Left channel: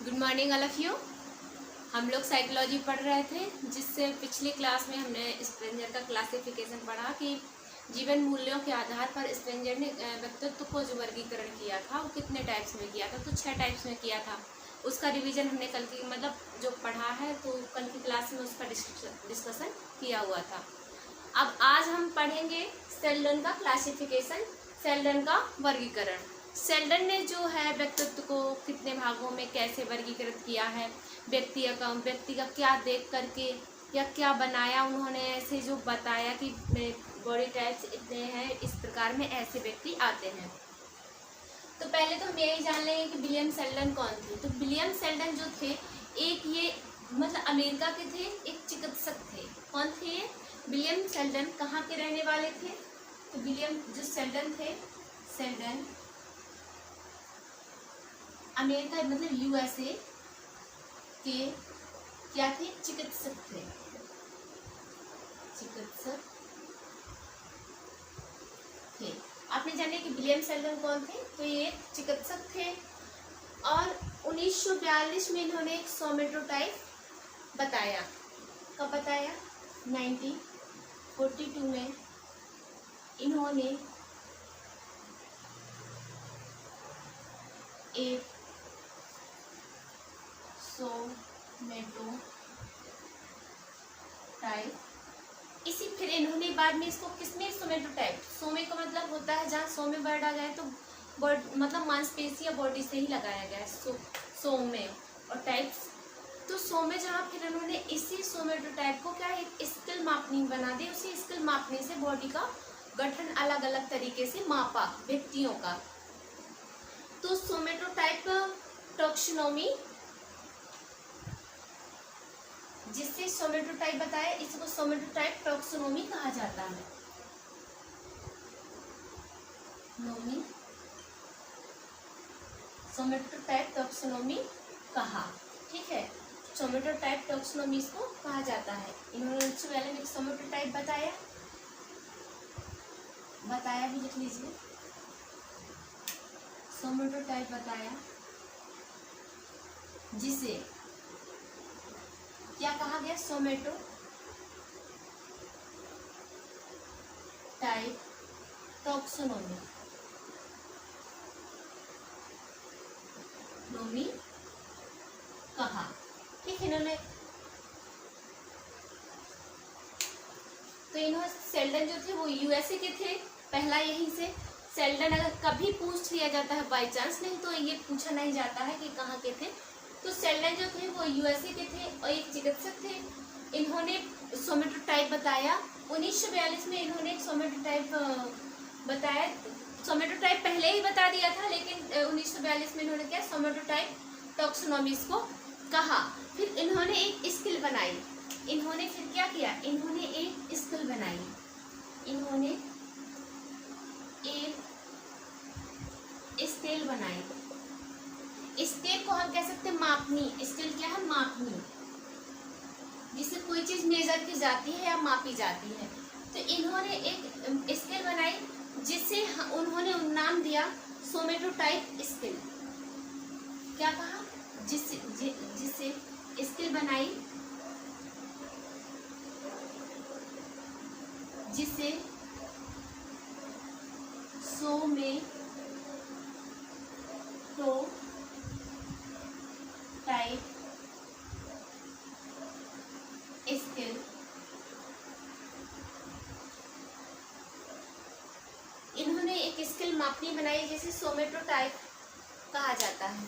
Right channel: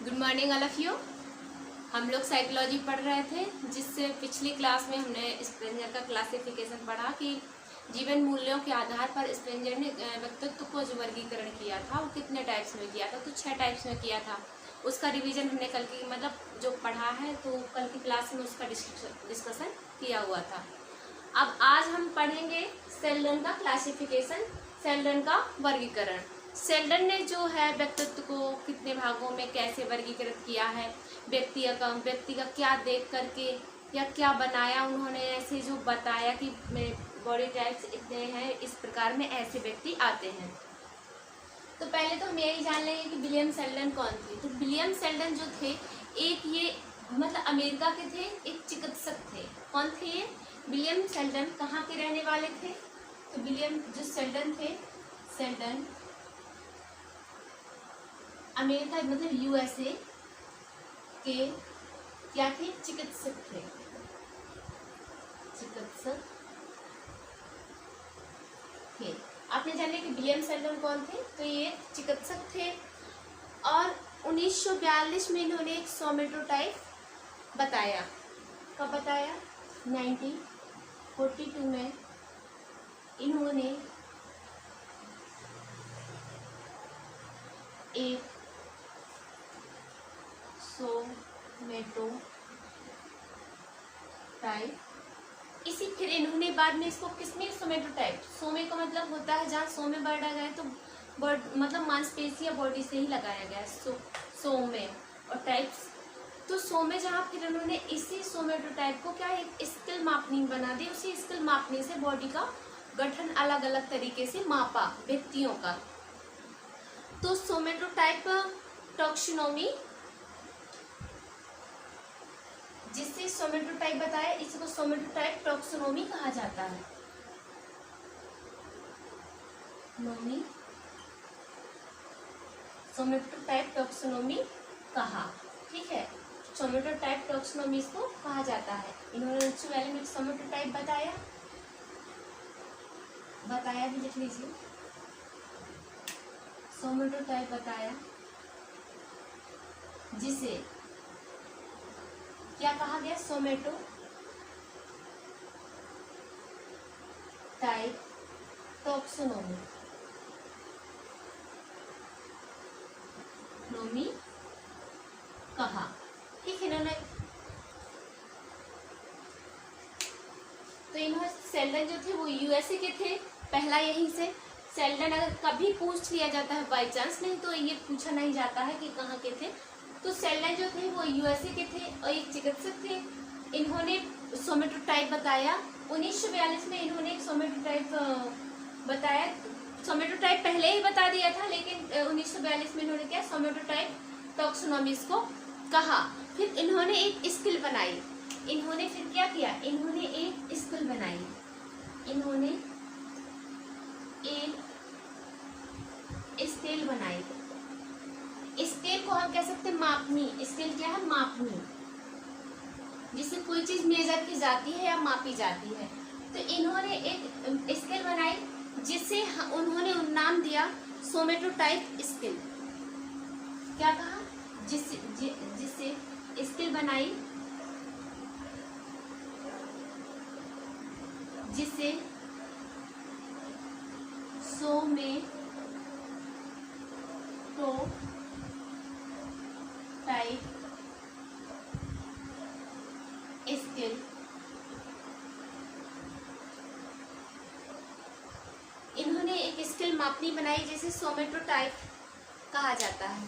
Good morning all of you. हम लोग psychology पढ़ रहे थे, जिससे पिछली क्लास में हमने स्ट्रेंजर का क्लासिफिकेशन पढ़ा कि जीवन मूल्यों के आधार पर स्ट्रेंजर ने व्यक्तित्व को जो वर्गीकरण किया था वो कितने टाइप्स में किया था, तो 6 टाइप्स में किया था। उसका रिवीजन हमने कल की जो पढ़ा है, तो कल की क्लास में उसका डिस्कशन किया हुआ था। अब आज हम पढ़ेंगे सेल्डन का क्लासिफिकेशन, सेल्डन का वर्गीकरण। सेल्डन ने जो है व्यक्तित्व को कितने भागों में कैसे वर्गीकृत किया है, व्यक्ति का क्या देख करके या क्या बनाया उन्होंने, ऐसे जो बताया कि बॉडी टाइप्स इतने हैं, इस प्रकार में ऐसे व्यक्ति आते हैं। तो पहले तो हम यही जान लेंगे कि विलियम सेल्डन कौन थे। तो विलियम सेल्डन जो थे, एक ये अमेरिका के थे, एक चिकित्सक थे। कौन थे ये? विलियम सेल्डन कहाँ के रहने वाले थे? तो विलियम जो सेल्डन थे, सेल्डन अमेरिका यूएसए के क्या थे? चिकित्सक थे। चिकित्सक थे। आपने जाने कि विलियम सेल्डन कौन थे? तो ये चिकित्सक थे और 1942 में इन्होंने एक सोमेटोटाइप बताया। कब बताया? 1942 में इन्होंने एक सोमेटोटाइप, इसी फिर इन्होंने बाद में इसको किसने सोमेटोटाइप, सोमे का मतलब होता है जहाँ सोमे वर्ड आ जाए तो मांसपेशी या बॉडी से ही लगाया गया है, सोमे और टाइप्स। तो सोमे जहाँ फिर इन्होंने इसी सोमेटोटाइप को क्या एक स्केल मापनी बना दी, उसी स्केल मापनी से बॉडी का गठन अलग अलग तरीके से मापा व्यक्तियों का। तो सोमेटोटाइप टैक्सोनॉमी, जिससे सोमेटोटाइप बताया, इसको सोमेटोटाइप टैक्सोनॉमी कहा जाता है। नोमी सोमेटोटाइप टैक्सोनॉमी कहा, ठीक है। सोमेटोटाइप टैक्सोनॉमी इसको कहा जाता है। इन्होंने सोमेटोटाइप बताया भी लिख लीजिए। सोमेटोटाइप बताया, जिसे क्या कहा गया? सोमेटोटाइप टैक्सोनॉमी कहा, ठीक है। इन्होंने तो इन्होंने सेल्डन जो थे वो यूएसए के थे, पहला यहीं से। सेल्डन अगर कभी पूछ लिया जाता है बाई चांस, नहीं तो ये पूछा नहीं जाता है कि कहाँ के थे। तो सेल्डन जो थे वो यूएसए के थे और एक चिकित्सक थे। इन्होंने सोमेटोटाइप बताया 1942 में। इन्होंने एक सोमेटोटाइप बताया। सोमेटोटाइप पहले ही बता दिया था, लेकिन 1942 में इन्होंने क्या सोमेटोटाइप टैक्सोनॉमी इसको कहा। फिर इन्होंने एक स्केल बनाई। इन्होंने फिर क्या किया? इन्होंने एक स्केल बनाई। इन्होंने एक स्केल बनाई। स्केल को हम कह सकते हैं मापनी। स्केल क्या है? मापनी, जिससे कोई चीज मेजर की जाती है या मापी जाती है। तो इन्होंने एक स्केल बनाई, जिसे उन्होंने नाम दिया सोमेटोटाइप स्केल। क्या कहा? जिससे स्केल बनाई, जिसे सोमेटोटाइप स्केल इन्होंने एक स्केल मापनी बनाई, जिसे सोमेटोटाइप कहा जाता है।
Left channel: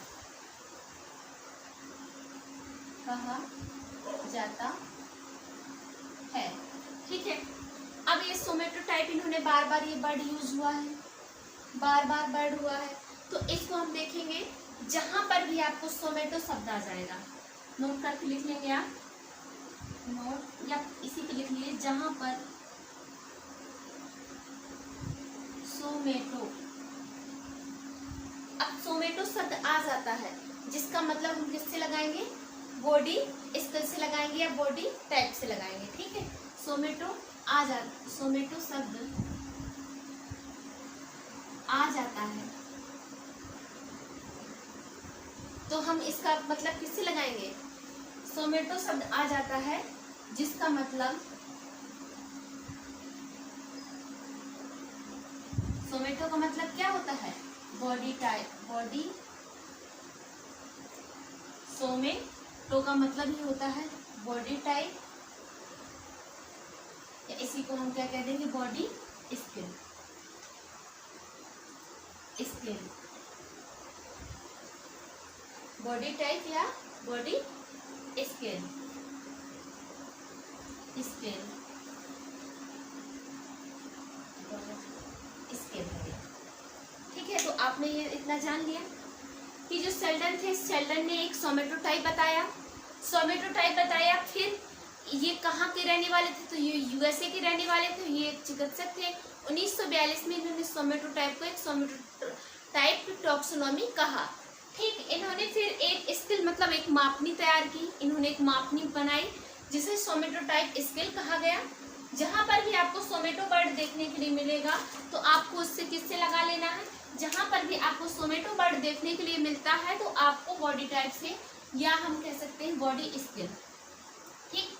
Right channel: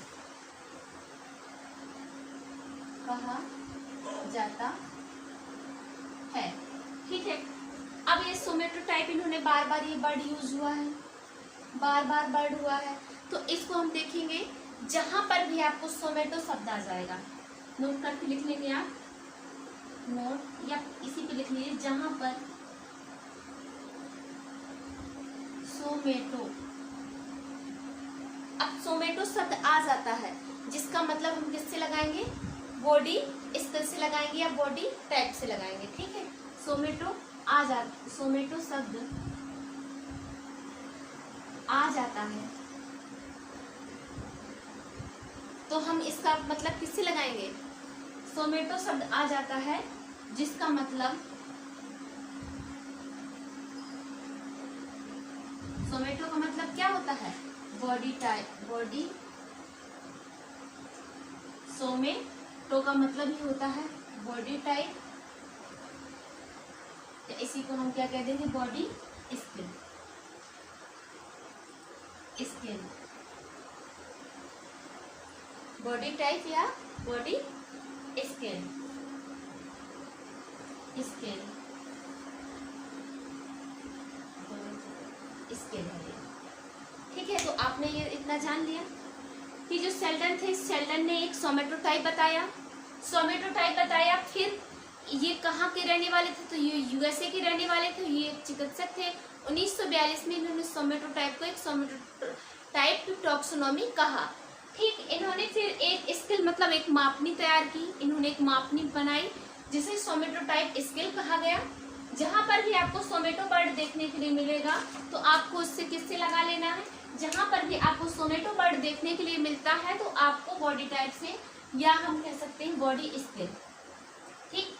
ठीक है। अब ये सोमेटोटाइप इन्होंने बार बार ये वर्ड यूज हुआ है, बार बार वर्ड हुआ है, तो इसको हम देखेंगे। जहां पर भी आपको सोमेटो शब्द आ जाएगा, नोट करके लिख लेंगे आप, नोट या इसी पे लिख लीजिए। जहां पर सोमेटो, अब सोमेटो शब्द आ जाता है, जिसका मतलब हम किससे लगाएंगे? बॉडी स्केल से लगाएंगे या बॉडी टाइप से लगाएंगे, ठीक है। सोमेटो शब्द आ जाता है तो हम इसका मतलब किससे लगाएंगे? सोमेटो शब्द आ जाता है जिसका मतलब, सोमेटो का मतलब क्या होता है? Body type, body. सोमेटो का मतलब ही होता है बॉडी टाइप, इसी को हम क्या कह देंगे? Body skin. Skin, body type या बॉडी स्किन। स्किन, स्किन है। ठीक है, तो आपने ये इतना जान लिया कि जो शेल्डन थे, शेल्डन ने एक सोमेटो टाइप बताया, सोमेटो टाइप बताया। फिर ये कहाँ के रहने वाले थे? तो ये यूएसए के रहने वाले थे। ये एक चिकित्सक थे। 1942 में इन्होंने सोमेटो टाइप को एक सोमेटो टाइप टॉक्सोनॉमी कहा। ठीक, इन्होंने फिर एक स्केल मतलब एक मापनी तैयार की, इन्होंने एक मापनी बनाई जिसे सोमेटो टाइप स्केल कहा गया। जहां पर भी आपको सोमेटो वर्ड देखने के लिए मिलेगा तो आपको उससे किससे लगा लेना है? जहां पर भी आपको सोमेटो वर्ड देखने के लिए मिलता है तो आपको बॉडी टाइप से, या हम कह सकते हैं बॉडी स्केल। ठीक,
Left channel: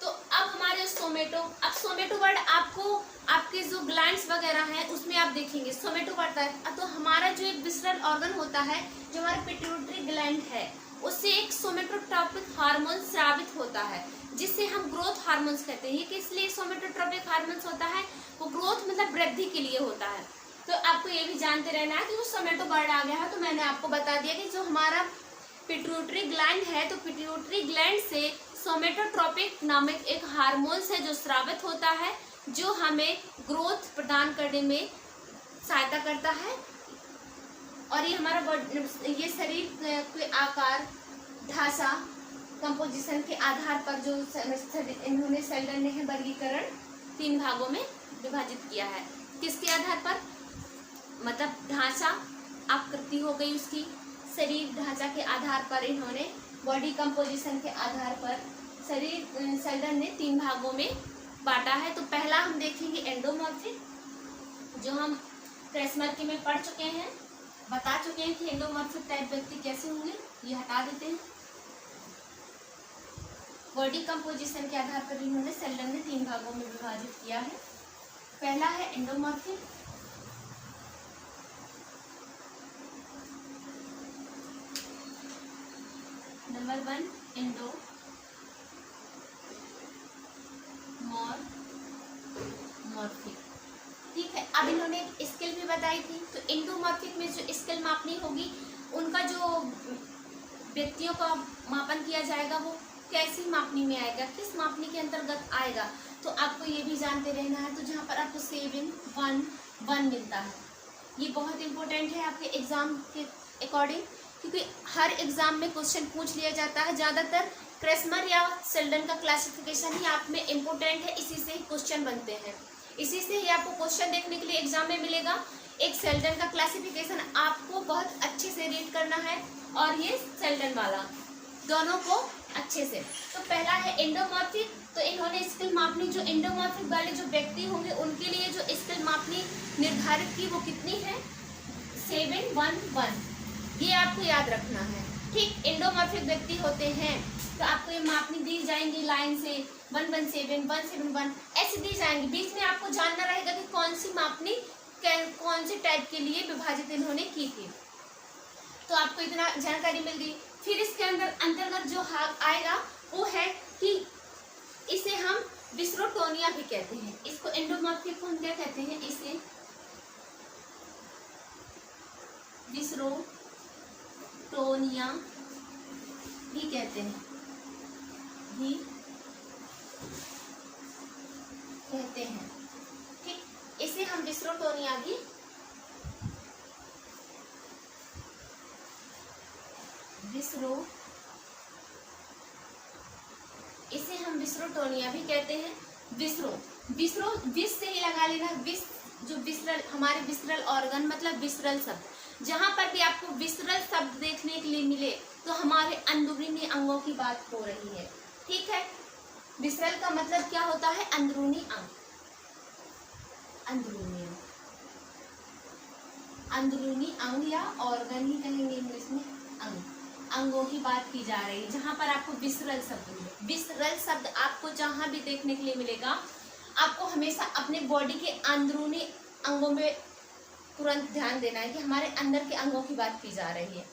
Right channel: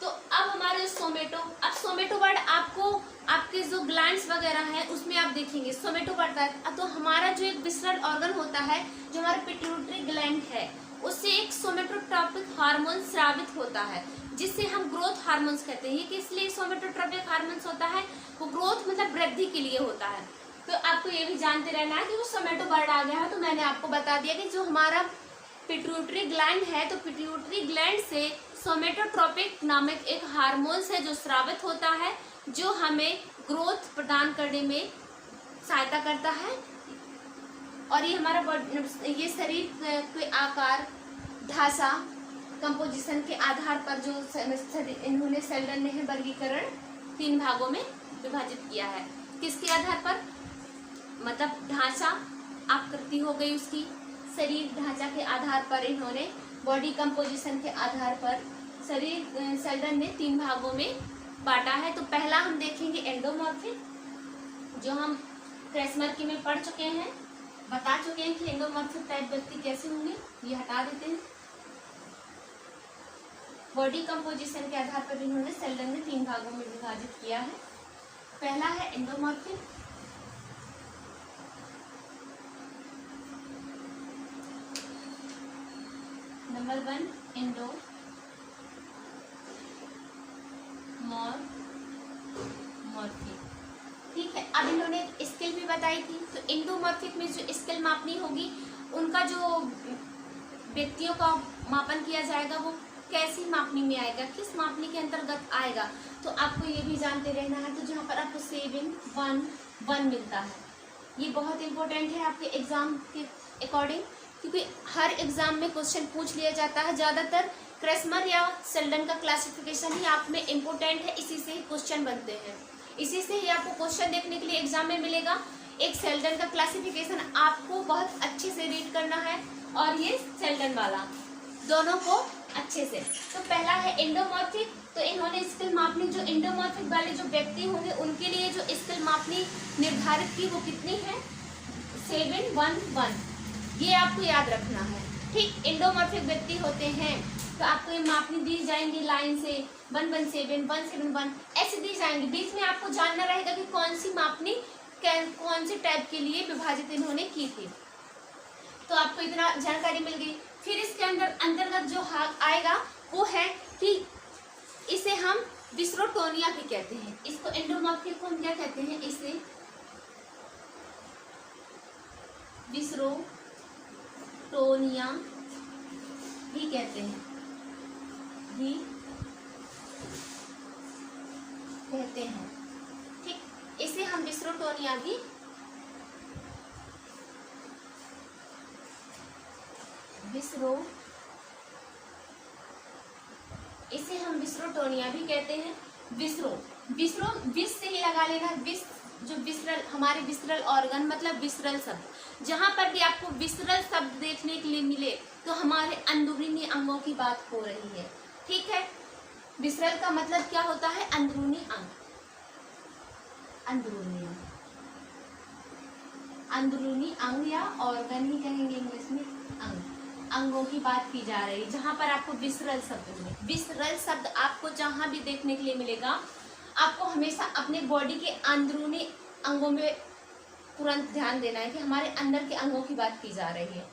तो अब हमारे सोमेटो, अब सोमेटो वर्ड आपको आपके जो ग्लैंड्स वगैरह हैं उसमें आप देखेंगे सोमेटो वर्ड है। तो हमारा जो एक विसरल ऑर्गन होता है, जो हमारा पिट्यूटरी ग्लैंड है, उससे एक सोमेटोट्रोपिक हार्मोन स्रावित होता है जिससे हम ग्रोथ हार्मोन्स कहते हैं। ये किस लिए सोमेटोट्रोपिक हार्मोन्स होता है? वो ग्रोथ मतलब वृद्धि के लिए होता है। तो आपको ये भी जानते रहना है कि वो सोमेटो वर्ड आ गया है तो मैंने आपको बता दिया कि जो हमारा पिट्यूटरी ग्लैंड है, तो पिट्यूटरी ग्लैंड से सोमेटोट्रोपिक नामक एक हार्मोन्स है जो स्रावित होता है, जो हमें ग्रोथ प्रदान करने में सहायता करता है। और ये हमारा ये शरीर के आकार, ढांचा, कंपोजिशन के आधार पर जो इन्होंने शेल्डन ने वर्गीकरण 3 भागों में विभाजित किया है। किसके आधार पर? मतलब ढांचा, आकृति हो गई उसकी, शरीर ढांचा के आधार पर इन्होंने, बॉडी कंपोजिशन के आधार पर शरीर शेल्डन ने 3 भागों में बांटा है। तो पहला हम देखेंगे एंडोमॉर्फिक, जो हम क्रेसमर में पढ़ चुके हैं, बता चुके हैं कि एंडोमॉर्फिक टाइप व्यक्ति कैसे होंगे। ये हटा देते हैं। बॉडी कंपोजिशन के आधार पर इन्होंने शेल्डन ने 3 भागों में विभाजित किया है। पहला है एंडोमॉर्फिक, नंबर 1 एंडोमॉर्फिक। ठीक है, अब इन्होंने स्केल भी बताई थी। तो एंडोमॉर्फिक में जो स्केल मापनी होगी, उनका जो व्यक्तियों का मापन किया जाएगा वो कैसी मापनी में आएगा, किस मापनी के अंतर्गत आएगा, तो आपको ये भी जानते रहना है। तो जहाँ पर आपको 7, 1, 1 मिलता है, ये बहुत इंपॉर्टेंट है आपके एग्जाम के अकॉर्डिंग, क्योंकि हर एग्जाम में क्वेश्चन पूछ लिया जाता है। ज़्यादातर क्रेसमर या शेल्डन का क्लासिफिकेशन ही आप में इम्पोर्टेंट है, इसी से ही क्वेश्चन बनते हैं, इसी से ही आपको क्वेश्चन देखने के लिए एग्जाम में मिलेगा। एक शेल्डन का क्लासिफिकेशन आपको बहुत अच्छे से रीड करना है और ये शेल्डन वाला, दोनों को अच्छे से। तो पहला है एंडोमॉर्फिक, तो इन्होंने स्केल मापनी, जो एंडोमॉर्फिक वाले जो व्यक्ति होंगे उनके लिए जो स्केल मापनी निर्धारित की वो कितनी है? 7, 1, 1। ये आपको याद रखना है। ठीक, एंडोमॉर्फिक व्यक्ति होते हैं तो आपको ये मापनी दी जाएंगी लाइन से 117, 171 ऐसे दी जाएंगी। बीच में आपको जानना रहेगा कि कौन सी मापनी कौन से टाइप के लिए विभाजित इन्होंने की थी। तो आपको इतना जानकारी मिल गई। फिर इसके अंतर्गत जो आएगा वो है कि इसे हम विस्रोटोनिया भी कहते हैं। इसको एंडोमॉर्फिक को हम क्या कहते हैं? इसे विस्रोटोनिया भी कहते हैं, ठीक, इसे हम विस्रोटोनिया भी इसे हम विस्रोटोनिया भी कहते हैं। विस से ही लगा लेना। विस जो विसरल, हमारे विसरल ऑर्गन मतलब विसरल शब्द, जहां पर भी आपको विसरल शब्द देखने के लिए मिले तो हमारे अंदरूनी अंगों की बात हो रही है। ठीक है, विसरल का मतलब क्या होता है? अंदरूनी अंग, अंदरूनी अंग या ऑर्गन ही कहेंगे इंग्लिश में, अंग। अंगों की बात की जा रही है, जहां पर आपको विसरल शब्द मिले। विसरल शब्द आपको जहां भी देखने के लिए मिलेगा, आपको हमेशा अपने बॉडी के अंदरूनी अंगों में तुरंत ध्यान देना है कि हमारे अंदर के अंगों की बात की जा रही है।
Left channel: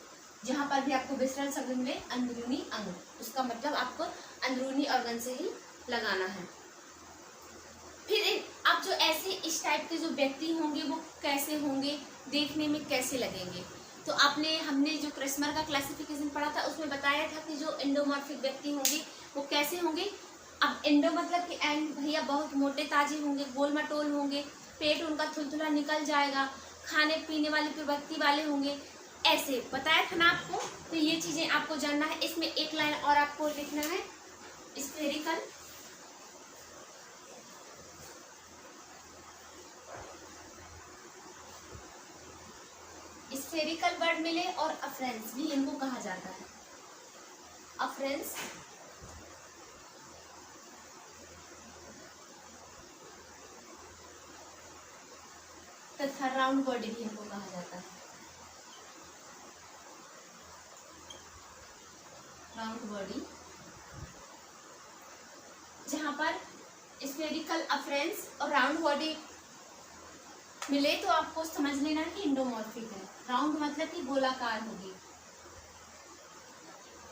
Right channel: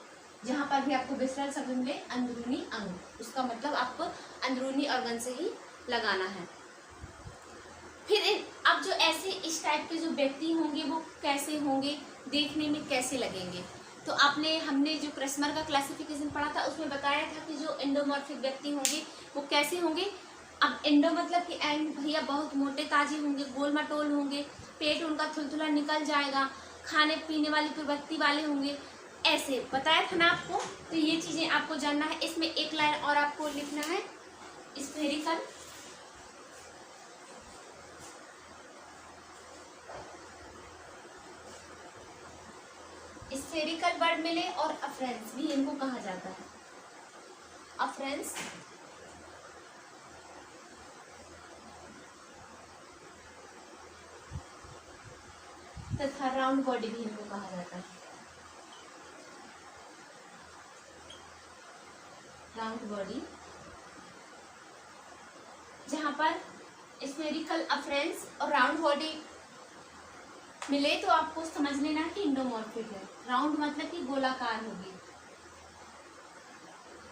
जहां पर भी आपको विसरल शब्द मिले अंदरूनी अंग, उसका मतलब आपको अंदरूनी ऑर्गन से ही लगाना है। फिर अब जो ऐसे इस टाइप के जो व्यक्ति होंगे वो कैसे होंगे, देखने में कैसे लगेंगे। तो हमने जो क्रस्मर का क्लासिफिकेशन पढ़ा था उसमें बताया था कि जो एंडोमॉर्फिक व्यक्ति होंगे वो कैसे होंगे। अब एंडो मतलब कि एंड भैया बहुत मोटे ताजे होंगे, गोल मटोल होंगे, पेट उनका थुलथुला निकल जाएगा, खाने पीने वाली प्रवृत्ति वाले होंगे, ऐसे बताया था ना आपको। तो ये चीजें आपको जानना है। इसमें एक लाइन और आपको लिखना है, स्फेरिकल, स्फेरिकल वर्ड मिले और अफ्रेंस भी इनको कहा जाता है। अफ्रेंस तथा राउंड बॉडी भी इनको कहा जाता है। राउंड बॉडी, जहां पर स्फेरिकल, अफ्रेंस और राउंड बॉडी मिले तो आपको समझ लेना कि इंडोमॉर्फिक है। राउंड मतलब कि गोलाकार होगी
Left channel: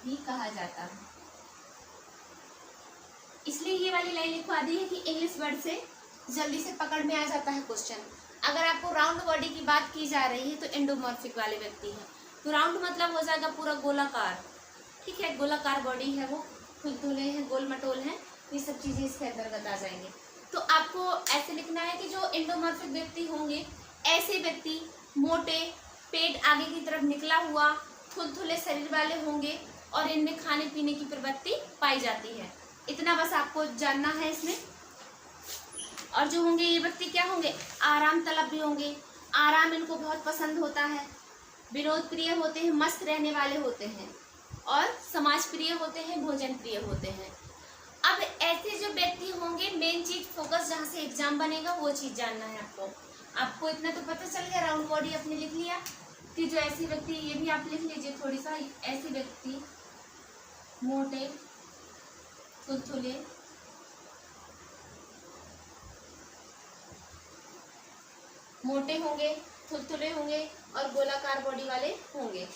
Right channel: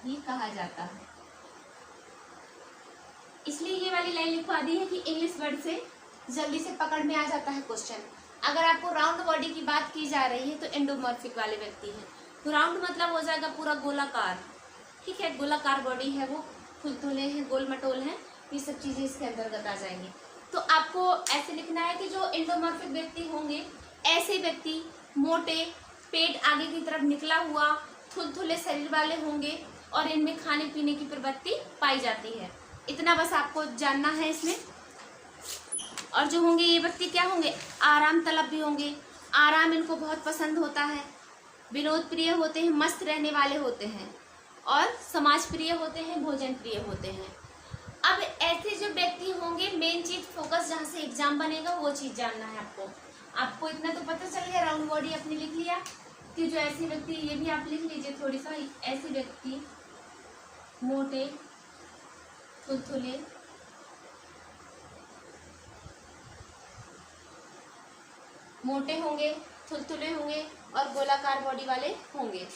भी कहा जाता है। इसलिए ये वाली लाइन लिखवा दी है कि इंग्लिश वर्ड से जल्दी से पकड़ में आ जाता है क्वेश्चन। अगर आपको राउंड बॉडी की बात की जा रही है तो एंडोमॉर्फिक वाले व्यक्ति हैं। तो राउंड मतलब हो जाएगा पूरा गोलाकार, ठीक है, गोलाकार बॉडी है, वो खुलतुले हैं, गोल मटोल हैं, ये सब चीजें इसके अंतर्गत आ जाएंगी। तो आपको ऐसे लिखना है कि जो एंडोमॉर्फिक व्यक्ति होंगे, ऐसे व्यक्ति मोटे, पेट आगे की तरफ निकला हुआ, थुलथुले शरीर वाले होंगे और इनमें खाने पीने की प्रवृत्ति पाई जाती है। इतना बस आपको जानना है इसमें। और जो होंगे ये व्यक्ति क्या होंगे, आराम तलब भी होंगे, आराम इनको बहुत पसंद होता है, विनोद प्रिय होते हैं, मस्त रहने वाले होते हैं और समाज प्रिय होते हैं, भोजन प्रिय होते हैं। अब ऐसे जो व्यक्ति होंगे, मेन चीज फोकस जहाँ से एग्जाम बनेगा वो चीज जानना है आपको। आपको इतना तो पता चल गया, राउंड बॉडी आपने लिख लिया कि जो ऐसे व्यक्ति, ये भी आप लिख लीजिए थोड़ी सा, ऐसे व्यक्ति मोटे, थुलथुले, मोटे होंगे, थुलथुले होंगे और गोलाकार बॉडी वाले होंगे।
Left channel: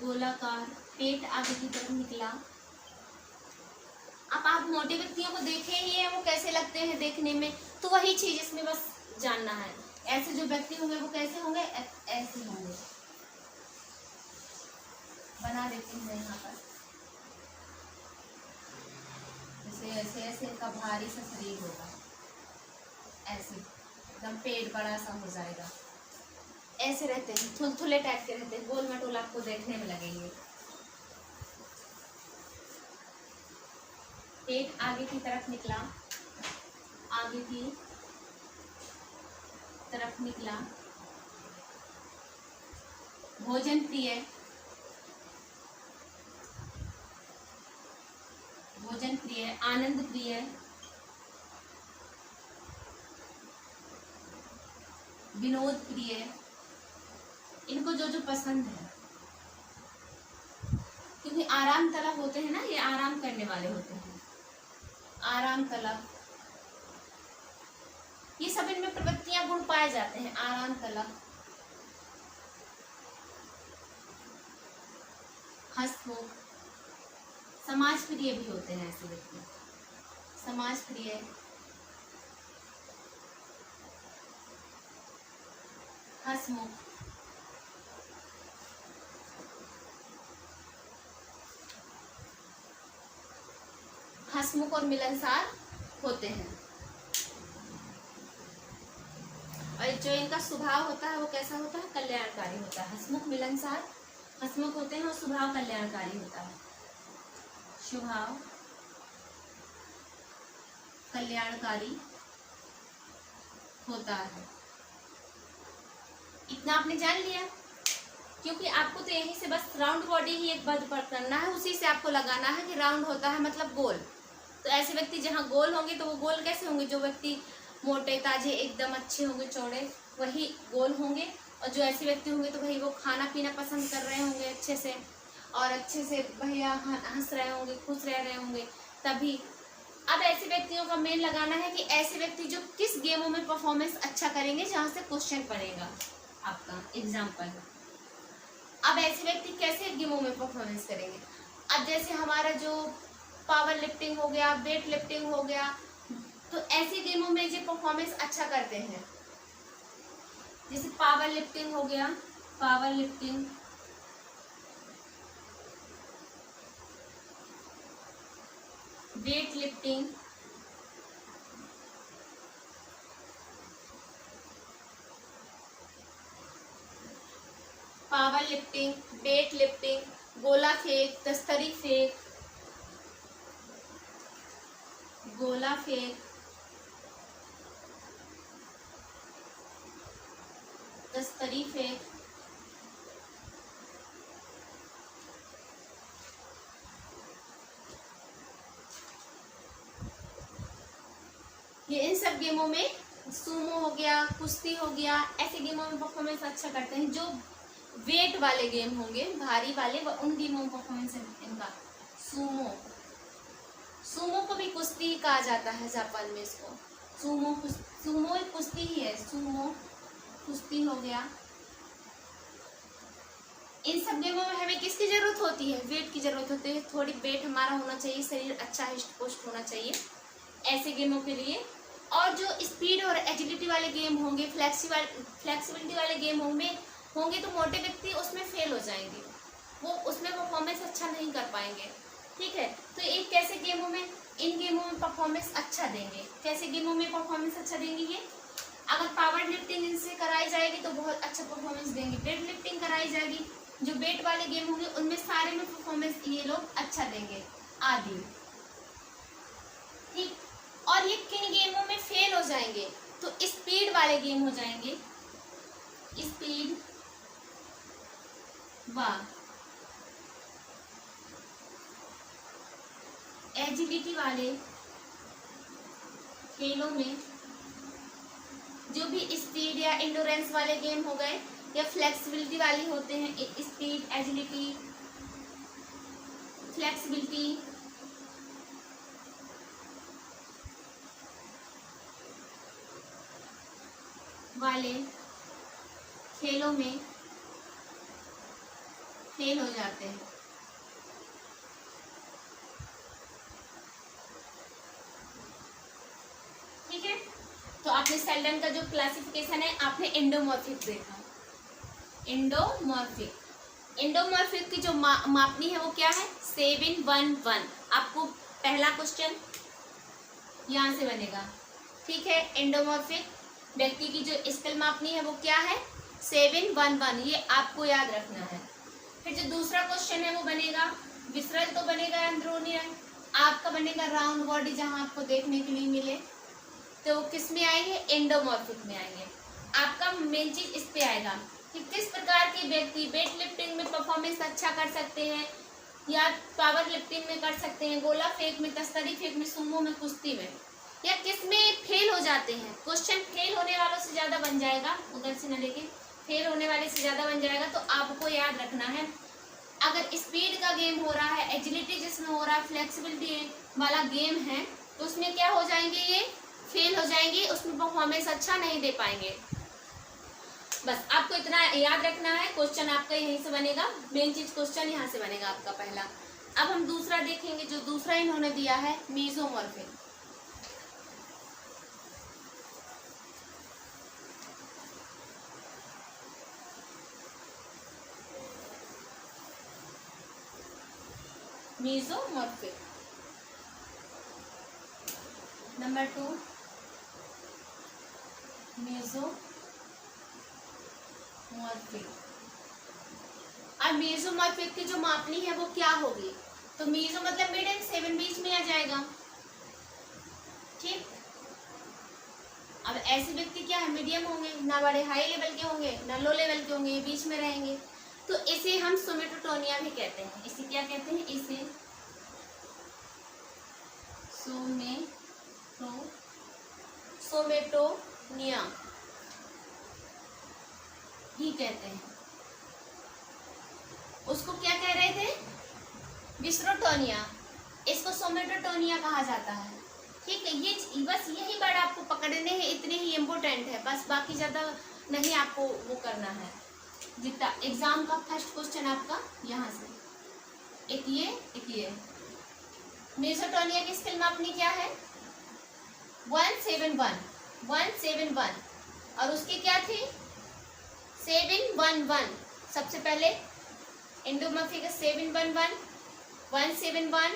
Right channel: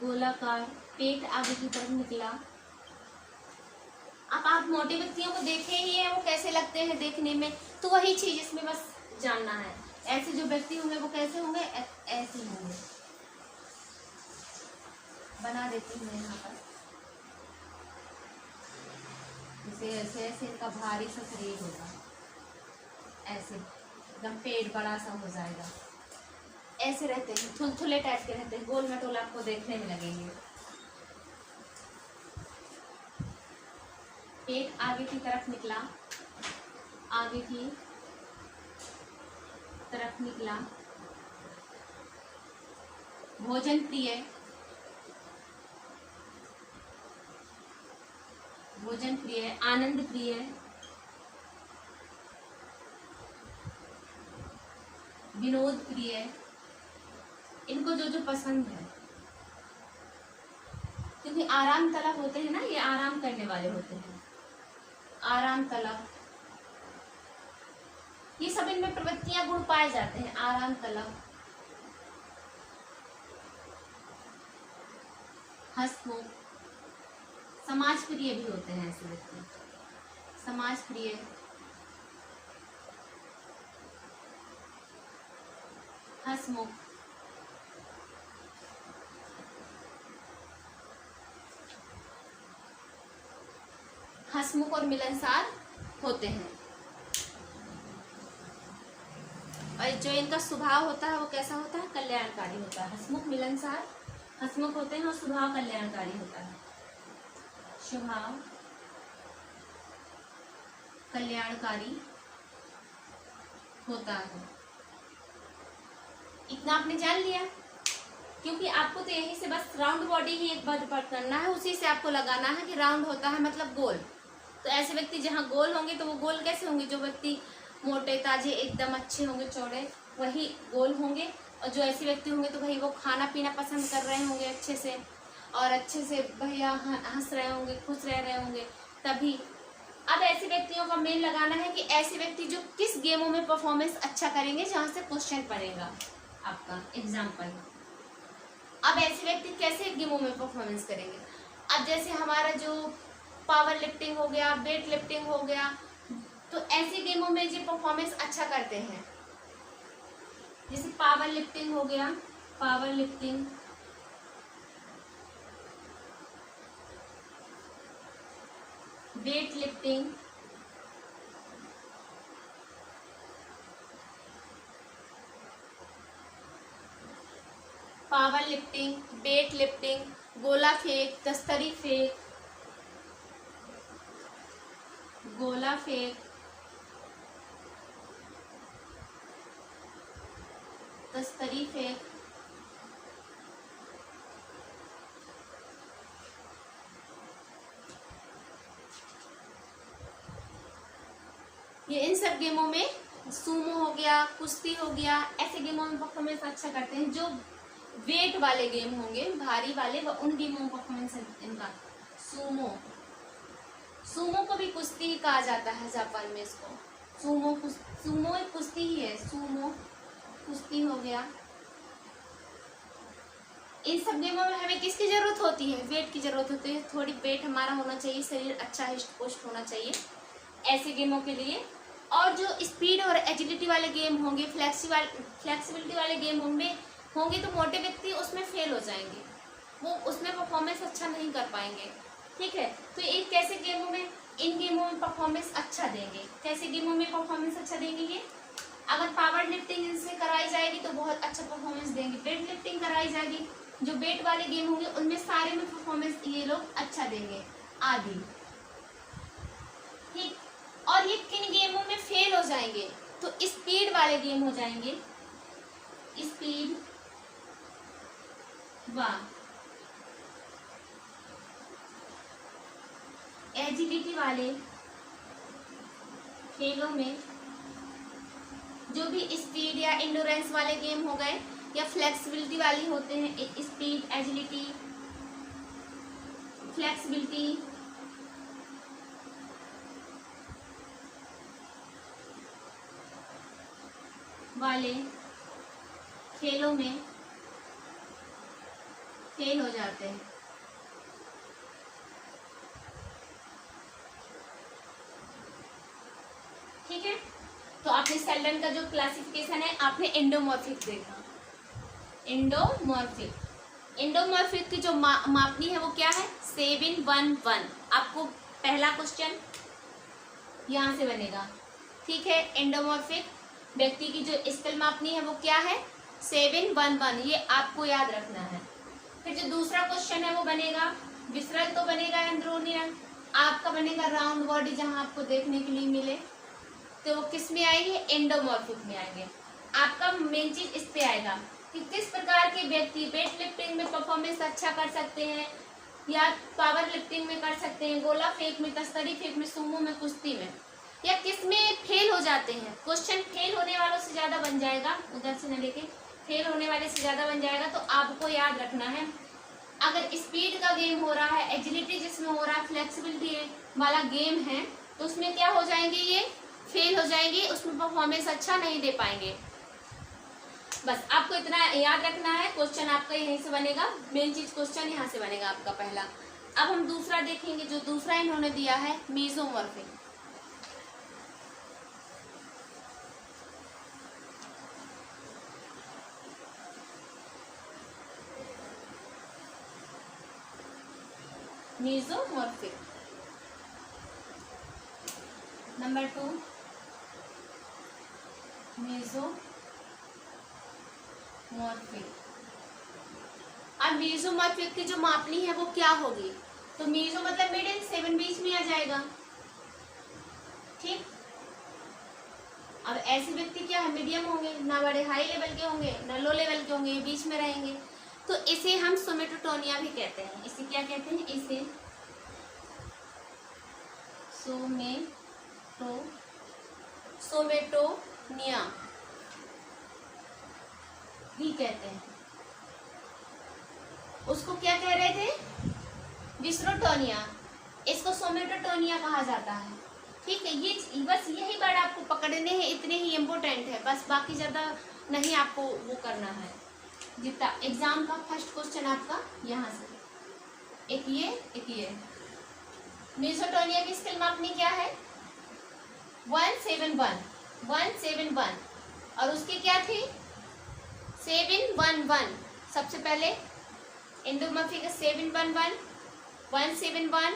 गोलाकार, पेट आगे की तरफ निकला। अब आप मोटे व्यक्तियों को देखे ही है, वो कैसे लगते हैं देखने में, तो वही चीज इसमें बस जानना है। ऐसे जो व्यक्ति होंगे वो कैसे होंगे, ऐसे होंगे। बना देती हूँ मैं यहाँ पर, जैसे ऐसे ऐसे इनका भारी सा शरीर होगा, ऐसे एकदम पेट बड़ा सा हो जाएगा, ऐसे रहते हैं, थुलथुले टाइप के रहते हैं, गोल मटोल आपको देखने में लगेंगे। पेट आगे की तरफ निकला, आगे की तरफ निकला, भोजन प्रिय, भोजन प्रिय, आनंद प्रिय, विनोद प्रिय, इनको जो जो पसंद है, क्योंकि आराम तलब होते हैं ना, ये आराम करने वाले होते हैं, आराम तलब, ये सब इनमें प्रवृत्तियां गुण पाए जाते हैं। आराम तलब, हंसमुख, समाज प्रिय भी होते हैं ऐसे व्यक्ति, समाज प्रिय, हंसमुख, हंसमुख और मिलनसार होते हैं। और जो इनका स्वभाव होता है वो कैसा होता है, कल्याणकारी होता है। हंसमुख, मिलनसार, हंसमुख होते हैं और स्वभाव कल्याणकारी होता है। स्वभाव कल्याणकारी होता है। इतना आपने जान लिया, क्योंकि आपको तो यही से बस राउंड बॉडी ही एक बार करना है, उसी से आपको लगाना है कि राउंड होता है मतलब गोल, तो ऐसे व्यक्ति जहाँ गोल होंगे तो वो गोल कैसे होंगे, जो व्यक्ति मोटे ताजे एकदम अच्छे होंगे चौड़े वही गोल होंगे, और जो ऐसे व्यक्ति होंगे तो भाई वो खाना पीना पसंद कर रहे होंगे अच्छे से, और अच्छे से भैया हंस रहे होंगे, खुश रह रहे होंगे तभी। अब ऐसे व्यक्तियों का मेन लगाना है कि ऐसे व्यक्ति जो किस गेमों में परफॉर्मेंस अच्छा करेंगे, जहाँ से क्वेश्चन पड़ेगा आपका एग्जाम्पल। अब ऐसे व्यक्ति कैसे गेमों में परफॉर्मेंस करेंगे, अब जैसे हमारा जो पावर लिफ्टिंग हो गया, वेट लिफ्टिंग हो गया, तो ऐसे गेमों में जो परफॉर्मेंस अच्छा करते हैं, जैसे पावर लिफ्टिंग हो गया, power lifting, weight lifting, power lifting, weight lifting, गोला फेंक, तस्तरी फेंक, गोला फेंक, तस्तरी फेंक, ये इन सब गेमों में, सूमो हो गया, कुश्ती हो गया, ऐसे गेमों में परफॉर्मेंस अच्छा करते हैं। जो वेट वाले गेम होंगे भारी वाले, वह उन गेमों में परफॉर्मेंस इनका सूमो, सूमो को भी कुश्ती ही कहा जाता है जापान में, इसको सूमो, सूमो एक कुश्ती ही है, सूमो कुश्ती हो गया। इन सब गेमों में हमें किसकी जरूरत होती है, वेट की जरूरत होती है, थोड़ी वेट हमारा होना चाहिए, शरीर अच्छा हिस्ट पुष्ट होना चाहिए ऐसे गेमों के लिए। और जो स्पीड और एजिलिटी वाले गेम होंगे, फ्लेक्सिबिलिटी वाले गेम होंगे तो मोटे व्यक्ति उसमें फेल हो जाएंगे, वो उसमें परफॉर्मेंस अच्छा नहीं कर पाएंगे। ठीक है, तो एक कैसे गेमों में, इन गेमों में परफॉर्मेंस अच्छा देंगे, कैसे गेमों में परफॉर्मेंस अच्छा देंगे ये, अगर पावर लिफ्टिंग इनसे कराई जाएगी तो बहुत अच्छा परफॉर्मेंस देंगे, वेट लिफ्टिंग कराई जाएगी, जो वेट वाले गेम होंगे उनमें सारे में परफॉर्मेंस ये लोग अच्छा देंगे आदि। ठीक, और ये किन गेमों में फेल हो जाएंगे, तो स्पीड वाले गेम हो जाएंगे, स्पीड व एजिलिटी वाले खेलों में, जो भी स्पीड या इंडोरेंस वाले गेम हो गए या फ्लेक्सिबिलिटी वाले होते हैं, स्पीड, एजिलिटी, फ्लेक्सिबिलिटी, वाले खेलों में फेल हो जाते हैं। ठीक है, तो आपने सेल्डन का जो क्लासिफिकेशन है आपने एंडोमॉर्फिक देखा, एंडोमॉर्फिक की जो मापनी है वो क्या है, 711। आपको पहला क्वेश्चन यहाँ से बनेगा। ठीक है, एंडोमॉर्फिक व्यक्ति की जो स्केल मापनी है वो क्या है, 711, ये आपको याद रखना है। फिर जो दूसरा क्वेश्चन है वो बनेगा, विसरल तो बनेगा अंदरूनी रंग, आपका बनेगा राउंड बॉडी, जहां आपको देखने के लिए मिले, तो वो किस में आएंगे, एंडोमॉर्फिक में आएंगे। आपका मेन चीज इस पे आएगा कि किस प्रकार के व्यक्ति वेट लिफ्टिंग में परफॉर्मेंस अच्छा कर सकते हैं, या पावर लिफ्टिंग में कर सकते हैं, गोला फेंक में, तस्तरी फेंक में, सुमो में, कुश्ती में, या किस में फेल हो जाते हैं। क्वेश्चन फेल होने वालों से ज्यादा बन जाएगा, उधर से न लेके फेल होने वाले से ज्यादा बन जाएगा। तो आपको याद रखना है, अगर स्पीड का गेम हो रहा है, एजिलिटी जिसमें हो रहा है, फ्लेक्सिबिलिटी वाला गेम है, तो उसमें क्या हो जाएंगे, ये फेल हो जाएंगे, उसमें परफॉर्मेंस अच्छा नहीं दे पाएंगे। बस आपको इतना याद रखना है। क्वेश्चन आपका यहीं से बनेगा, मेन चीज क्वेश्चन यहाँ से बनेगा आपका पहला। अब हम दूसरा देखेंगे, जो दूसरा इन्होंने दिया है मीजोमॉर्फिक। मीजोमॉर्फिक नंबर 2, मेसोमॉर्फिक। अब मेसोमॉर्फिक की जो मापनी है वो क्या होगी, तो मेसो मतलब मिडिल, 7 बीच में आ जाएगा। ठीक, अब ऐसे व्यक्ति क्या है, मीडियम होंगे, ना बड़े हाई लेवल के होंगे ना लो लेवल के होंगे, ये बीच में रहेंगे, तो इसे हम सोमेटोटोनिया भी कहते हैं। इसे क्या कहते हैं, इसे सोमेटोनिया भी कहते हैं। उसको क्या कह रहे थे? डिस्ट्रोटोनिया। इसको सोमेटोटोनिया कहा जाता है। ठीक है, ये बस यही वर्ड आपको पकड़ने हैं, इतने ही इम्पोर्टेंट है बस, बाकी ज्यादा नहीं आपको वो करना है। जितना एग्जाम का फर्स्ट क्वेश्चन आपका यहाँ से, एक ये मेसोटोनिया की स्पेल मापनी क्या है? 171 और उसकी क्या थी? 711। सबसे पहले एंडोमॉर्फिक 711 171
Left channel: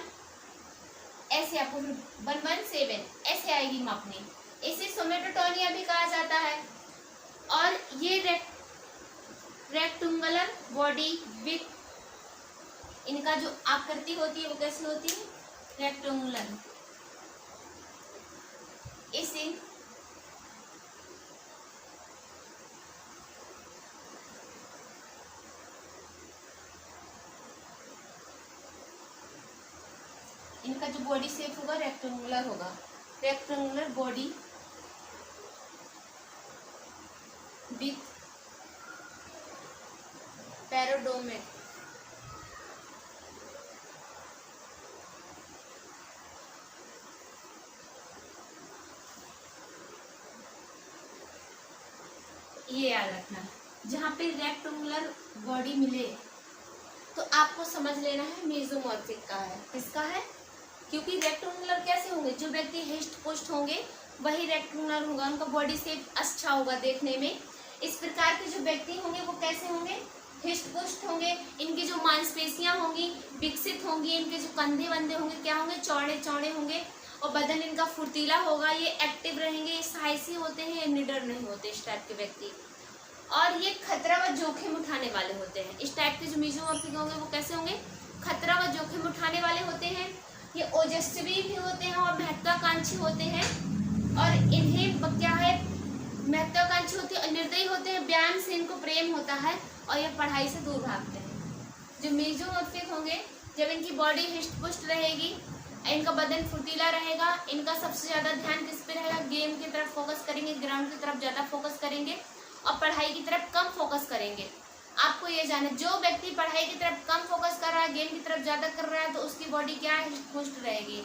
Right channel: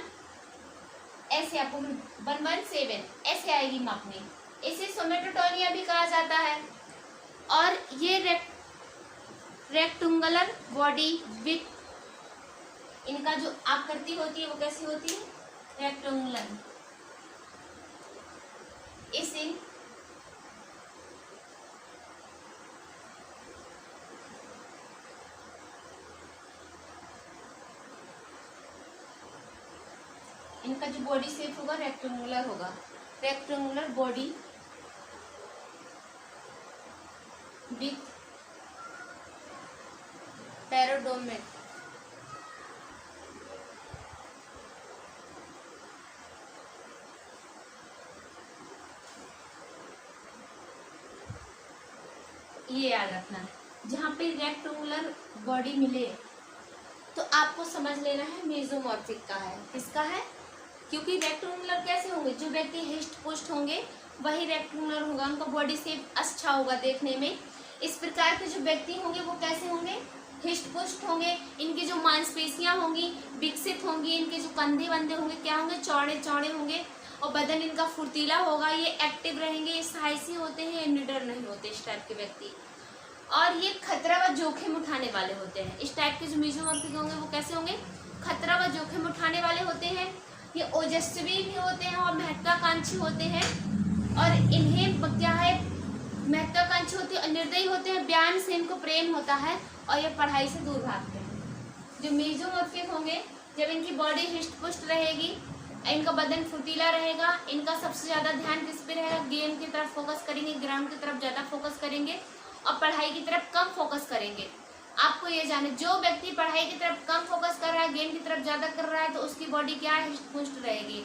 ऐसे आपको 117 ऐसे आएगी मापनी। इसे सोमेटोटोनिया भी कहा जाता है। और ये रेक्टेंगुलर बॉडी विथ, इनका जो आकृति होती है वो कैसी होती है? रेक्टेंगुलर। इसे इनका जो बॉडी शेप होगा रेक्टेंगुलर होगा, रेक्टेंगुलर बॉडी विथ पैराडोमेट। ये याद रखना है, जहाँ पे रेक्टेंगुलर बॉडी मिले तो आपको समझ लेना है मेसोमॉर्फिक का है। किसका है? क्योंकि रेक्टेंगुलर कैसे होंगे? जो व्यक्ति हिस्ट पुष्ट होंगे वही रेक्टेंगुलर होगा, उनका बॉडी शेप अच्छा होगा देखने में। इस प्रकार के जो व्यक्ति होंगे वो कैसे होंगे? हिस्ट पुष्ट होंगे। इनकी जो मांसपेशियां होंगी विकसित होंगी, इनके जो कंधे वंधे होंगे क्या होंगे? चौड़े चौड़े होंगे और बदन इनका फुर्तीला होगा। ये एक्टिव रहेंगे, साहसी होते हैं, निडर नहीं होते इस टाइप के व्यक्ति। और ये खतरा व जोखिम उठाने वाले होते हैं। इस टाइप के जो मेसोमॉर्फिक होंगे वो कैसे होंगे? खतरा व जोखिम उठाने वाले होते हैं। ये ओजस्वी भी होते हैं और महत्वाकांक्षी होते हैं। और इन्हें क्या है? महत्वाकांक्षी होते हैं और निर्दयी होते हैं। व्यायाम से इनको प्रेम होता है और ये पढ़ाई से दूर भागते हैं। जो मेसोमॉर्फिक होंगे, जब इनकी बॉडी हिस्ट पुष्ट रहेगी, इनका बदन फुर्तीला रहेगा, इनका सबसे ज्यादा ध्यान किस पे रहेगा? गेम की तरफ फोकस करेंगे, ग्राउंड की तरफ ज्यादा फोकस करेंगे और पढ़ाई की तरफ कम फोकस करेंगे। आपको ये जाने, जो व्यक्ति पढ़ाई की तरफ कम फोकस कर रहा है, गेम की तरफ ज्यादा कर रहा है, तो उसकी बॉडी क्या है? हिस्ट पुष्ट रहेगी।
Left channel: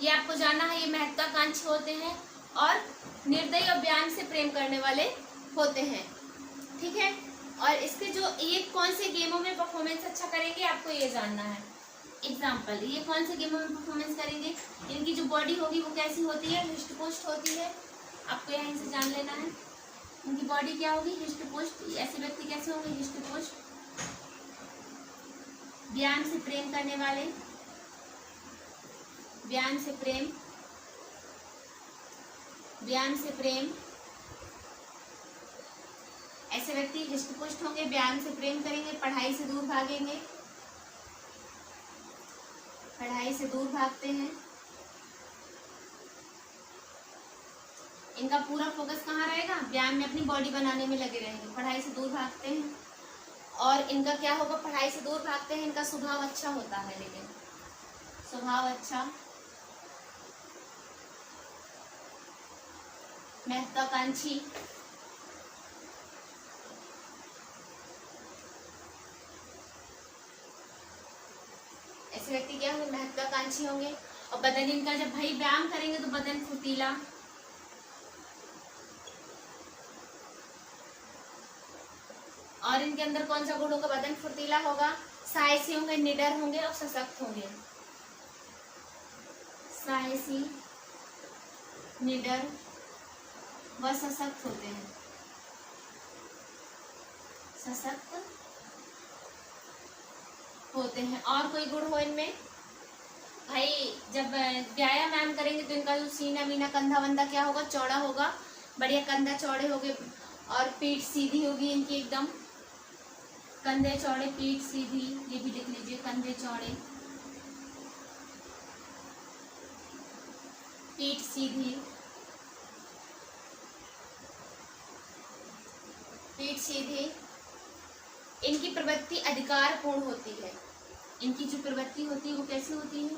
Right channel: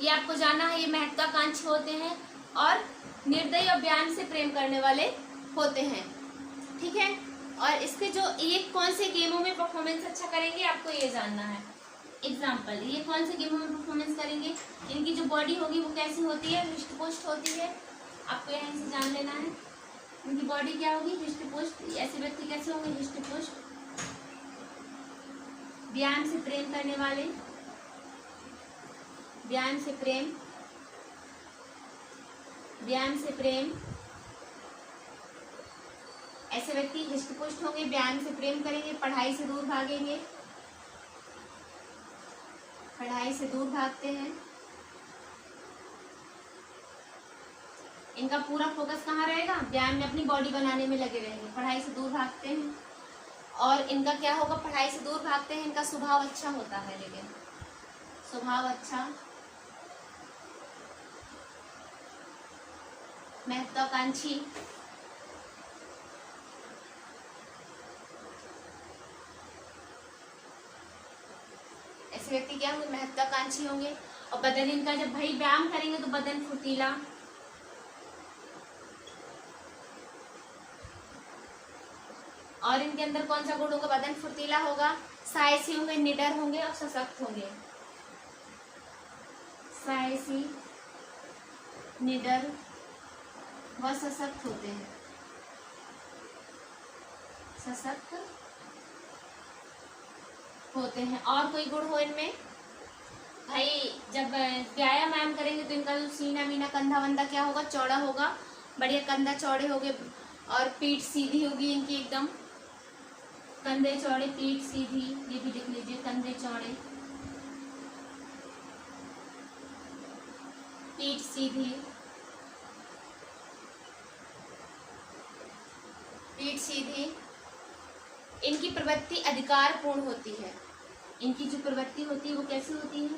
ये आपको जानना है। ये महत्वाकांक्षी होते हैं और निर्दयी और व्यायाम से प्रेम करने वाले होते हैं। ठीक है, और इसके जो ये कौन से गेमों में परफॉर्मेंस अच्छा करेंगे आपको ये जानना है। एग्जाम्पल, ये कौन से गेमों में परफॉर्मेंस करेंगे? इनकी जो बॉडी होगी वो कैसी होती है? हिस्ट पुष्ट होती है। आपको यहाँ से जान लेना है उनकी बॉडी क्या होगी? हिस्ट पुष्ट। ऐसे व्यक्ति कैसे होंगे? हिस्ट पुष्ट, व्यायाम से प्रेम करने वाले, व्यायाम से प्रेम, व्यायाम से प्रेम। ऐसे व्यक्ति हिस्ट पुष्ट होंगे, व्यायाम से प्रेम करेंगे, पढ़ाई से दूर भागेंगे, पढ़ाई से दूर भागते हैं। इनका पूरा फोकस कहाँ रहेगा? व्यायाम में, अपनी बॉडी बनाने में लगे रहेंगे, पढ़ाई से दूर भागते हैं। और इनका क्या होगा? पढ़ाई से दूर भागते हैं। इनका स्वभाव अच्छा होता है, लेकिन स्वभाव अच्छा, महत्वाकांक्षी, ऐसे व्यक्ति क्या होंगे? महत्वाकांक्षी होंगे। और बदन इनका, जब भाई व्यायाम करेंगे तो बदन फुर्तीला, और इनके अंदर कौन सा गुण होगा? बदन फुर्तीला होगा, साहसी होंगे, निडर होंगे और सशक्त होंगे। साहसी, निडर व सशक्त होते हैं, सशक्त होते हैं। और कोई गुण हो इनमें? भाई जब व्यायाम करेंगे तो इनका जो सीना मीना कंधा वंधा क्या होगा? चौड़ा होगा, बढ़िया कंधा चौड़े होंगे और पीठ सीधी होगी इनकी एकदम, कंधे चौड़े, पीठ सीधी। ये भी लिख लीजिए, कंधे चौड़े, पीठ सीधी, पीठ सीधी। इनकी प्रवृत्ति अधिकार पूर्ण होती है। इनकी जो प्रवृत्ति होती है वो कैसी होती है?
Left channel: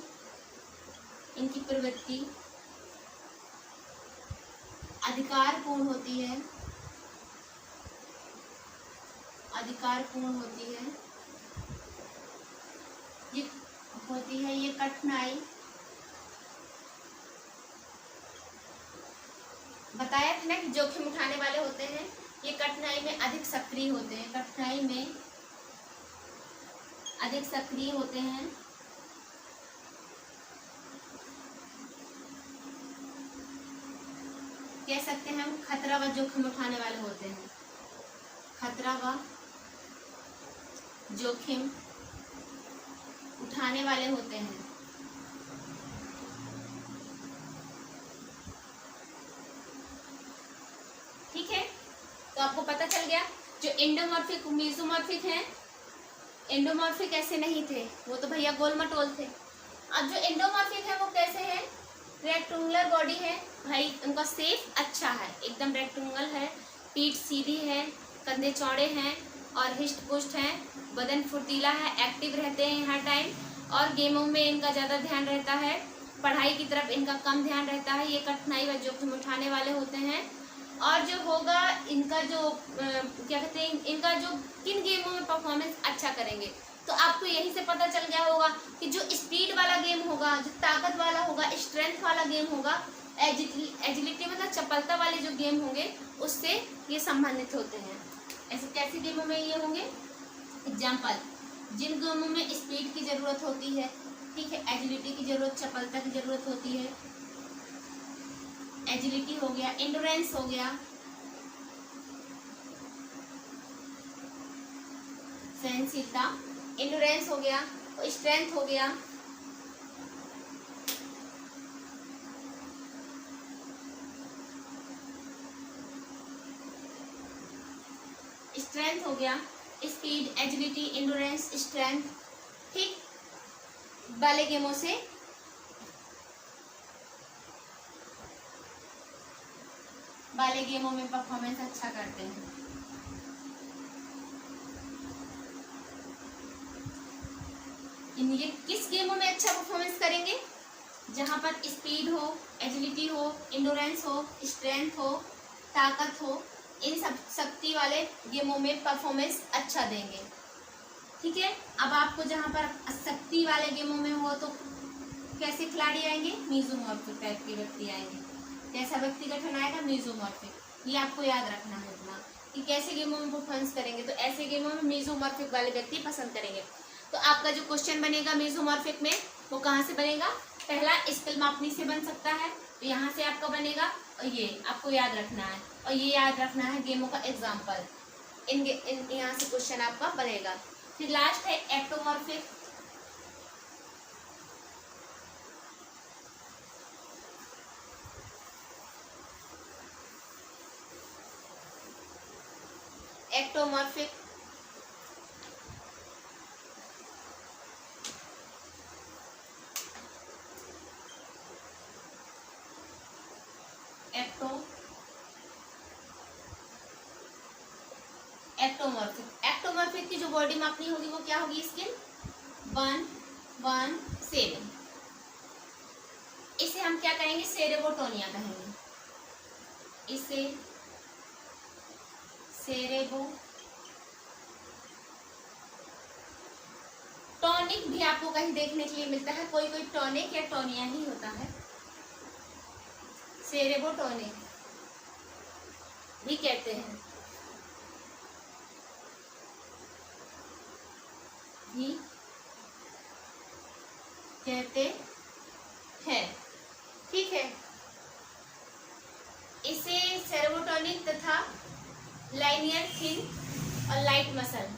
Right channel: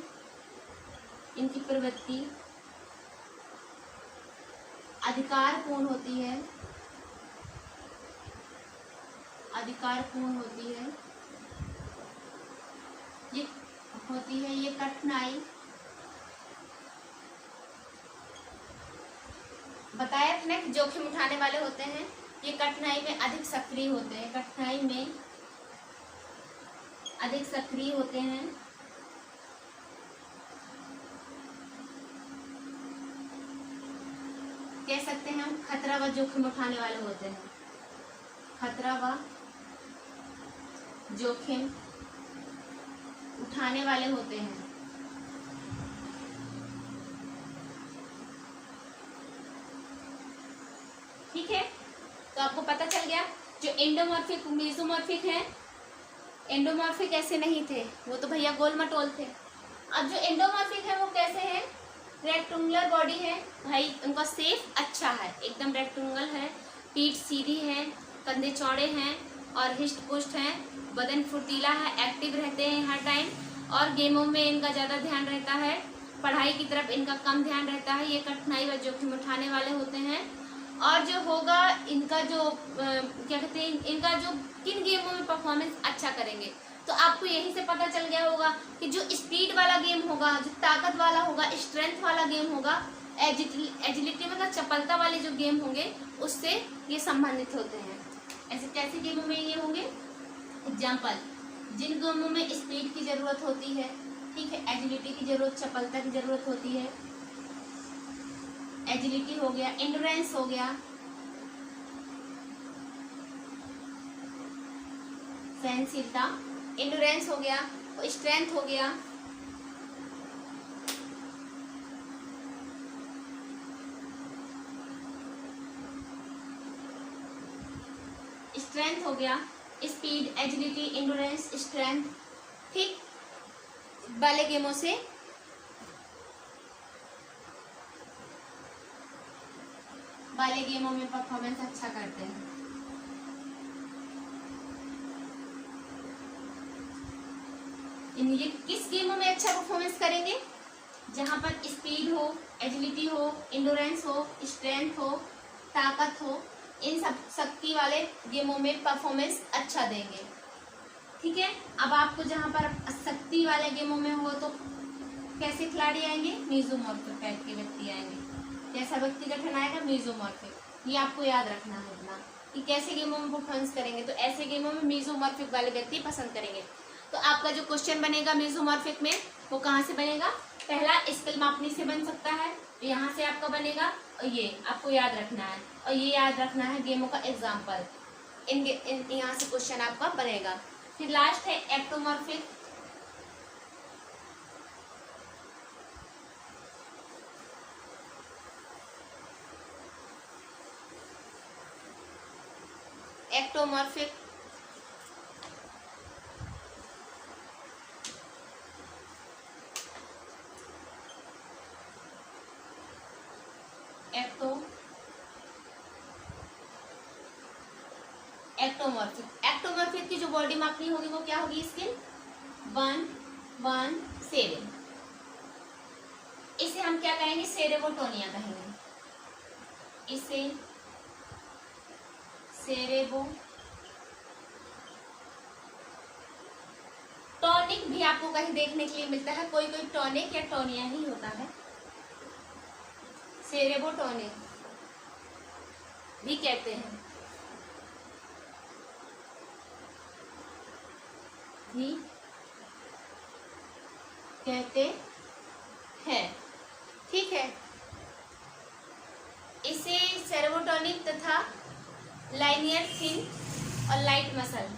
इनकी प्रवृत्ति अधिकारपूर्ण होती है, अधिकारपूर्ण होती है, ये कठिनाई, बताया था ना कि जोखिम उठाने वाले होते हैं, ये कठिनाई में अधिक सक्रिय होते हैं, कठिनाई में अधिक सक्रिय होते हैं। कह सकते हैं हम खतरा व जोखिम उठाने वाले होते हैं, खतरा व जोखिम उठाने वाले होते हैं। ठीक है, तो आपको पता चल गया जो एंडोमॉर्फिक मेसोमॉर्फिक हैं, एंडोमॉर्फिक ऐसे नहीं थे, वो तो भैया गोल मटोल थे। अब जो एंडोमॉर्फिक है वो कैसे हैं, रेक्टेंगुलर बॉडी है भाई, उनका शेप अच्छा है, एकदम रेक्टेंगल है, पीठ सीधी है, कंधे चौड़े हैं और हिस्ट पुष्ट हैं, बदन फुर्तीला है, एक्टिव रहते हैं हर टाइम, और गेमों में इनका ज़्यादा ध्यान रहता है, पढ़ाई की तरफ इनका कम ध्यान रहता है, ये कठिनाई व जोखिम उठाने वाले होते हैं। और जो होगा इनका जो क्या कहते हैं, इनका जो किन गेमों में परफॉर्मेंस अच्छा करेंगे, तो आपको यही से पता चल गया होगा कि जो स्पीड वाला गेम होगा, जो ताकत वाला होगा, स्ट्रेंथ वाला गेम होगा, एजिलिटी मतलब चपलता वाले जो गेम होंगे उससे ये संबंधित होते हैं। ऐसे कैसे गेमों में ये होंगे, एग्जाम्पल, जिन गेमों में स्पीड की जरूरत होती है, ठीक है, एजिलिटी की जरूरत, चपलता की जरूरत होती है, एजिलिटी हो गया, एंड्योरेंस हो गया, सहनशीलता, एंड्योरेंस हो गया, स्ट्रेंथ हो गया, स्ट्रेंथ हो गया, स्पीड, एजिलिटी, एंड्योरेंस, स्ट्रेंथ, ठीक वाले गेमों से वाले गेमों में परफॉर्मेंस अच्छा करते हैं। ये किस गेमों में अच्छा परफॉर्मेंस करेंगे, जहां पर स्पीड हो, एजिलिटी हो, एंड्योरेंस हो, स्ट्रेंथ हो, ताकत हो, इन सब शक्ति वाले गेमों में परफॉर्मेंस अच्छा देंगे। ठीक है, अब आपको जहां पर शक्ति वाले गेमों में हो तो कैसे खिलाड़ी आएंगे, मेसोमॉर्फिक टाइप के व्यक्ति आएंगे। कैसा व्यक्ति गठन आएगा, मेसोमॉर्फिक, ये आपको याद रखना है इतना कि कैसे गेमों में परफॉर्मेंस करेंगे, तो ऐसे गेमों में मेसोमॉर्फिक वाले व्यक्ति पसंद करेंगे। तो आपका जो क्वेश्चन बनेगा मेसोमॉर्फिक में वो कहाँ से बनेगा, पहला स्केल मापनी से बन सकता है, तो यहाँ से आपका बनेगा, और ये आपको याद रखना है, और ये याद रखना है गेमों का एग्जाम्पल, यहाँ से क्वेश्चन आपका बनेगा। फिर लास्ट है एक्टोमॉर्फिक, एक्टोमॉर्फिक एक्टोमॉर्फिक की जो बॉडी मापनी होगी वो क्या होगी, स्किन 117। इसे हम क्या कहेंगे, सेरेबोटोनिया कहेंगे, इसे टॉनिक भी आपको कहीं देखने के लिए मिलता है, कोई कोई टॉनिक या टोनिया ही होता है, सेरेबोटोनिक भी कहते हैं, भी कहते हैं। ठीक है, इसे सेरेबोटोनिक तथा लाइनियर थिन और light muscle,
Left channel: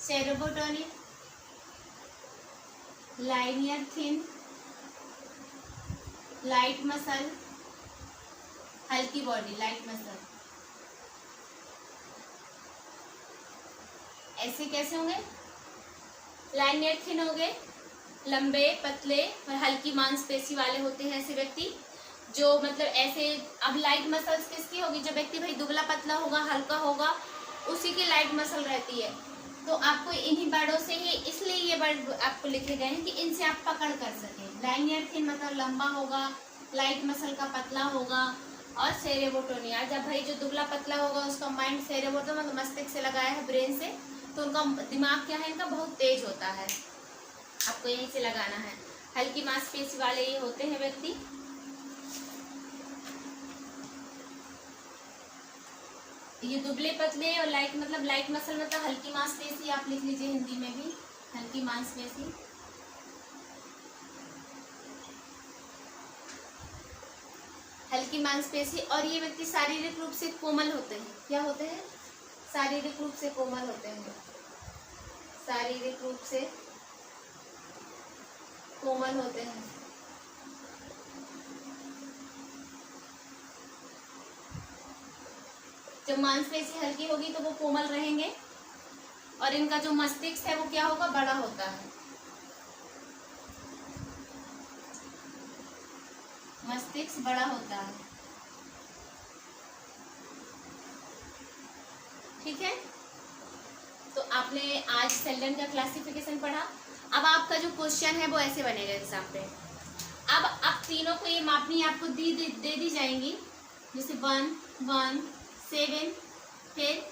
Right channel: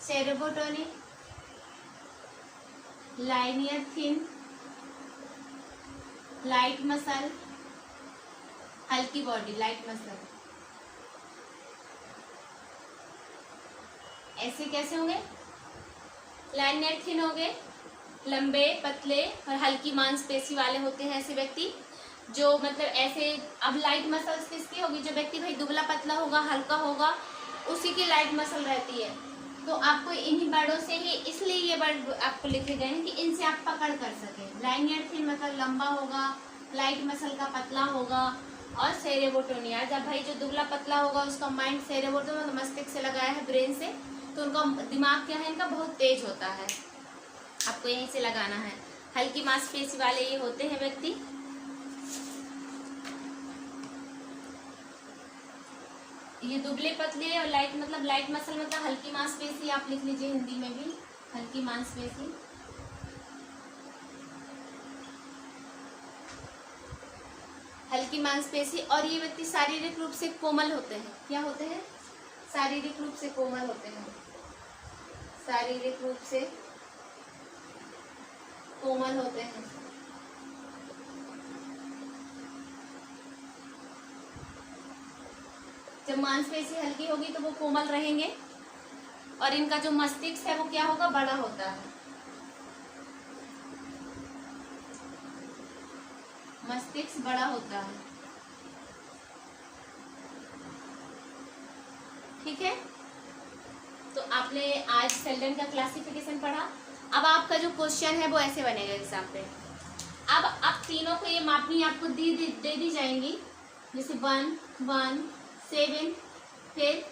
cerebrotonic, linear thin, light muscle, हल्की बॉडी, लाइट मसल, ऐसे कैसे होंगे, लाइनियर थिन हो गए, लंबे पतले और हल्की मांसपेशी वाले होते हैं ऐसे व्यक्ति, जो मतलब ऐसे। अब लाइट मसल्स किसकी होगी, जो व्यक्ति भाई दुबला पतला होगा, हल्का होगा, उसी की लाइट मसल रहती है। तो आपको इन्हीं वर्डों से ही, इसलिए ये वर्ड आपको लिखे गए हैं कि इनसे आप पकड़ कर सकें, लाइनियर थिन मतलब लंबा होगा, लाइट मसल का पतला होगा, और सेरेब्रोटोनिया जब भाई जो दुबला पतला होगा उसका माइंड सेरेब्रोटो मतलब मस्तिष्क से लगाया है ब्रेन से, तो उनका दिमाग क्या है इनका बहुत तेज होता है। आपको यहीं से लगाना है। हल्की मांसपेशी वाले ये होते हैं व्यक्ति। ये दुबले पतले और लाइट मतलब लाइट मसल मतलब हल्की मांसपेशी, आप लिख लीजिए हिंदी में भी हल्की मांसपेशी। हल्की मांसपेशी। और ये व्यक्ति शारीरिक रूप से कोमल होते हैं। क्या होते हैं? शारीरिक रूप से कोमल होते हैं। शारीरिक रूप से कोमल होते हैं। जब मांसपेशी हल्की होगी तो वो कोमल रहेंगे, और इनका जो मस्तिष्क है वो क्या होगा? बड़ा होता है। मस्तिष्क बड़ा होता है। ठीक है, तो आपने आज सेल्डन का क्लासिफिकेशन पढ़ा। अब आपका जो क्वेश्चन है वो ऐसे बनेगा एग्जाम पे। अब आप तीनों को ये मापनी आपको दे दी जाएंगी, जैसे 1 1 7 फिर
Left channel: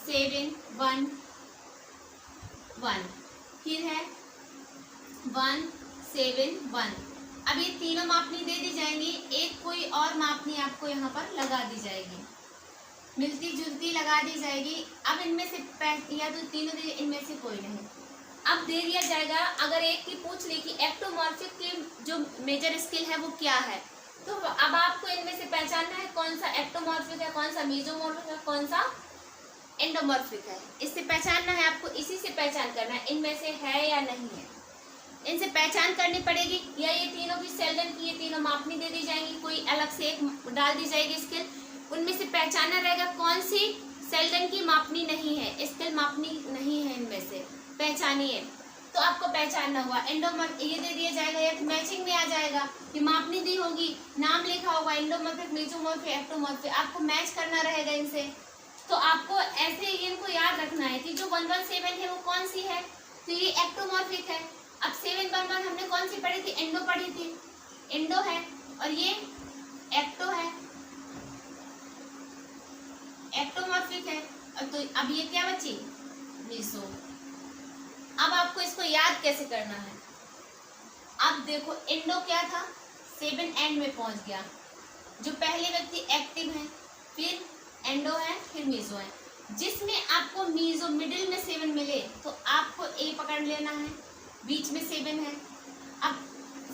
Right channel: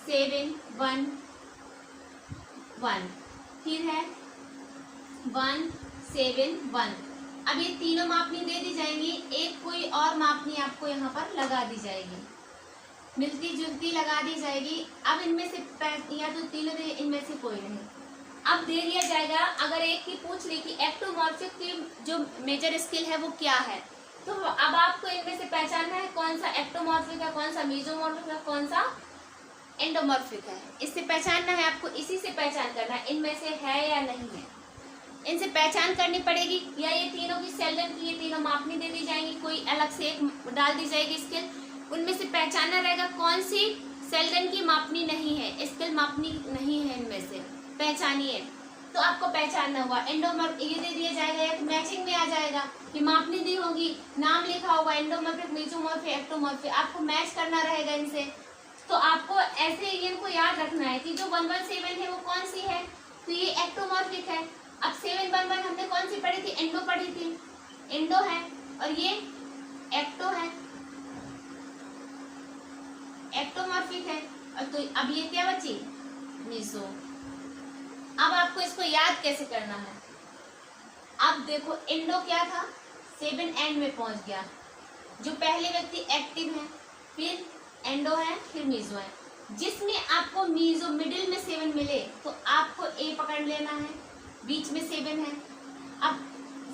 7 1 1 फिर है 1 7 1। अब ये तीनों मापनी दे दी जाएंगी, एक कोई और मापनी आपको यहाँ पर लगा दी जाएगी, मिलती जुलती लगा दी जाएगी। अब इनमें से या तो तीनों दे, इनमें से कोई नहीं। अब दे दिया जाएगा, अगर एक की पूछ ली कि एक्टोमॉर्फिक की जो मेजर स्केल है वो क्या है, तो अब आपको इनमें से पहचानना है कौन सा एक्टोमॉर्फिक है, कौन सा मेसोमॉर्फिक है, कौन सा एंडोमॉर्फिक है। इससे पहचानना है आपको, इसी से पहचान करना है इनमें से है या नहीं है। इनसे पहचान करनी पड़ेगी, या ये तीनों की सेल्डन की ये तीनों मापनी दे दी जाएंगी, कोई अलग से एक डाल दी जाएगी स्केल। उनमें से पहचानना रहेगा कौन सी सेल्डन की मापनी नहीं है, स्केल मापनी नहीं है, इनमें से पहचानिए। तो आपको पहचानना हुआ एंडोमॉर्फ, ये दे दिया जाएगा या तो मैचिंग में आ जाएगा, ये मापनी दी होगी, नाम लिखा होगा एंडोमॉर्फिक, मेसोमॉर्फिक, एक्टोमॉर्फिक, आपको मैच करना रहेगा इनसे। तो आपको ऐसे इनको याद रखना है कि जो 117 है वो कौन सी है, तो ये एक्टोमॉर्फिक है। अब 711 हमने कौन सी पढ़ी थी? एंडो पढ़ी थी, एंडो है, और ये एक्टो है, एक्टोमॉर्फिक है। और तो अब ये क्या बची? मेसो। अब आपको इसको याद कैसे करना है? अब देखो एंडो क्या था? 7 एंड में पहुंच गया, जो पहले व्यक्ति एक्टिव है, फिर एंडो है, फिर मीजो है। जिसमें आपको मीजो मिडिल में 7 मिले तो आपको ए पकड़ लेना है, बीच में 7 है। अब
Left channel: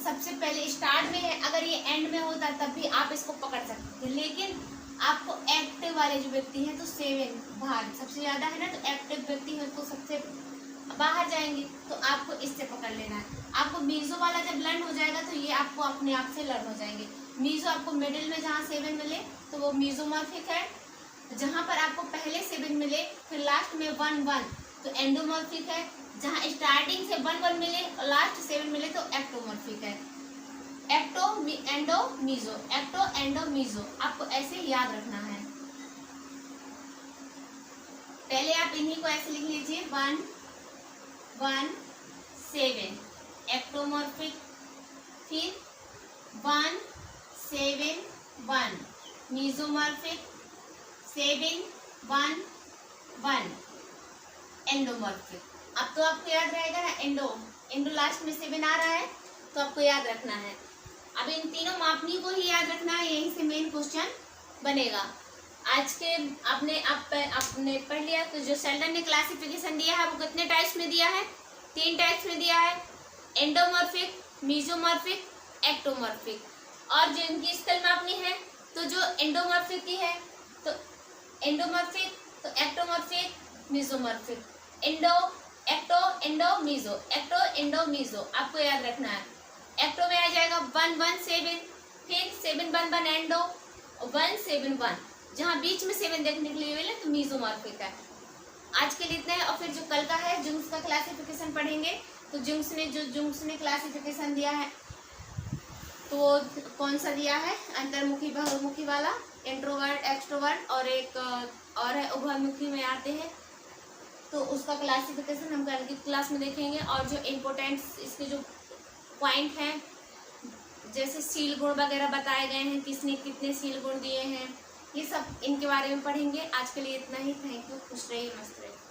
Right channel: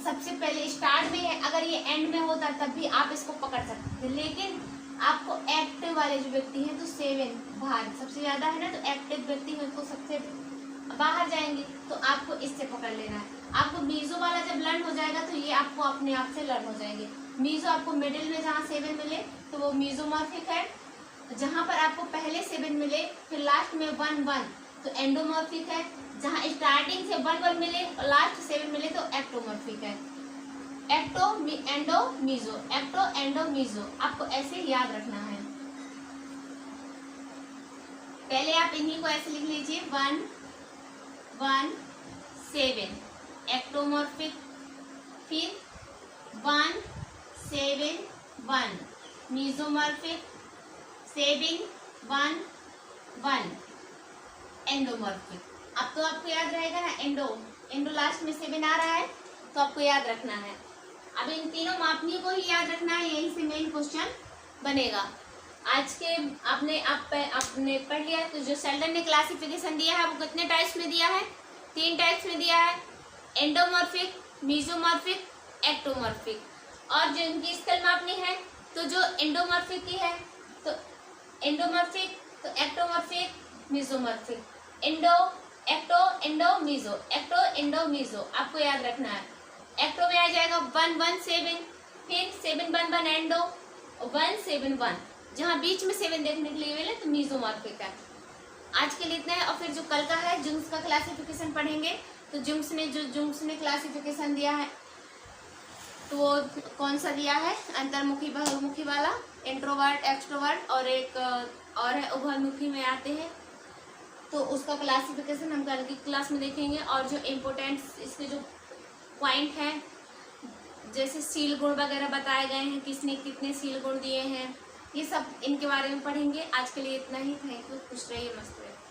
सबसे पहले स्टार्ट में है, अगर ये एंड में होता तब भी आप इसको पकड़ सकते थे, लेकिन आपको एक्टिव वाले जो व्यक्ति हैं तो 7 बाहर सबसे ज्यादा है ना, तो एक्टिव व्यक्ति है तो सबसे बाहर जाएंगे, तो आपको इससे पकड़ लेना है। आपको मीजो वाला जब लर्न हो जाएगा तो ये आपको अपने आप से लर्न हो जाएंगे। मीजो आपको मिडिल में जहाँ 7 मिले तो वो मीजोमॉर्फिक है, जहाँ पर आपको पहले 7 मिले फिर लास्ट में 1 1 तो एंडोमॉर्फिक है, जहाँ स्टार्टिंग से 1 1 मिले और लास्ट 7 मिले तो एक्टोमॉर्फिक है। Ecto endo meso, ecto endo meso, आपको ऐसे याद रखना है। पहले आप इन्हीं को ऐसे लिख लीजिए, 1 1 7 एक्टोमॉर्फिक, फिर 1 7 1 मीजोमॉर्फिक, 7 1 1 एंडोमॉर्फिक। अब तो आपको याद रहेगा ना, एंडो लास्ट में 7 आ रहा है तो आपको याद रखना है। अब इन तीनों मापनियों को ही याद रखना है, यहीं से मेन क्वेश्चन बनेगा। आज के आपने पढ़ लिया, तो जो सेल्डन ने क्लासिफिकेशन दिया है वो कितने टाइप्स में दिया है? 3 टाइप्स में दिया है, एंडोमॉर्फिक, मेसोमॉर्फिक, एक्टोमॉर्फिक। और जो इनकी स्केल मापनी है तो जो एंडोमॉर्फिक की है तो एंडोमॉर्फिक, तो ectomorphic, mesomorphic, endo ecto endo meso, ecto endo meso, आपको याद रखना है। एक्टो में आ जाएगा 1 1 7, फिर 7 1 1 एंडो, 1 7 1, जहाँ बीच में 7 देखने के लिए मिले तो मीजोमॉर्फिक है। आज के लिए इतना है, और फिर जो कल का है जुंग्स का क्लासिफिकेशन पढ़ेंगे। तो जुंग्स ने क्लासिफिकेशन दिया है तो वो कौन सा दिया है? अंतर्मुखी बहुमुखी वाला, इंट्रोवर्ट एक्सट्रोवर्ट, और एक और है उभयमुखी में आते हैं, तो उसका क्लासिफिकेशन हम कल की क्लास में देखेंगे। और जो इम्पोर्टेंट इसके जो पॉइंट है जैसे शील गुण वगैरह बताए गए हैं, किसने कितने शील गुण दिए हैं, ये सब इनके बारे में पढ़ेंगे। आज के लिए इतना ही। Thank you. खुश रहिए, मस्त रहिए।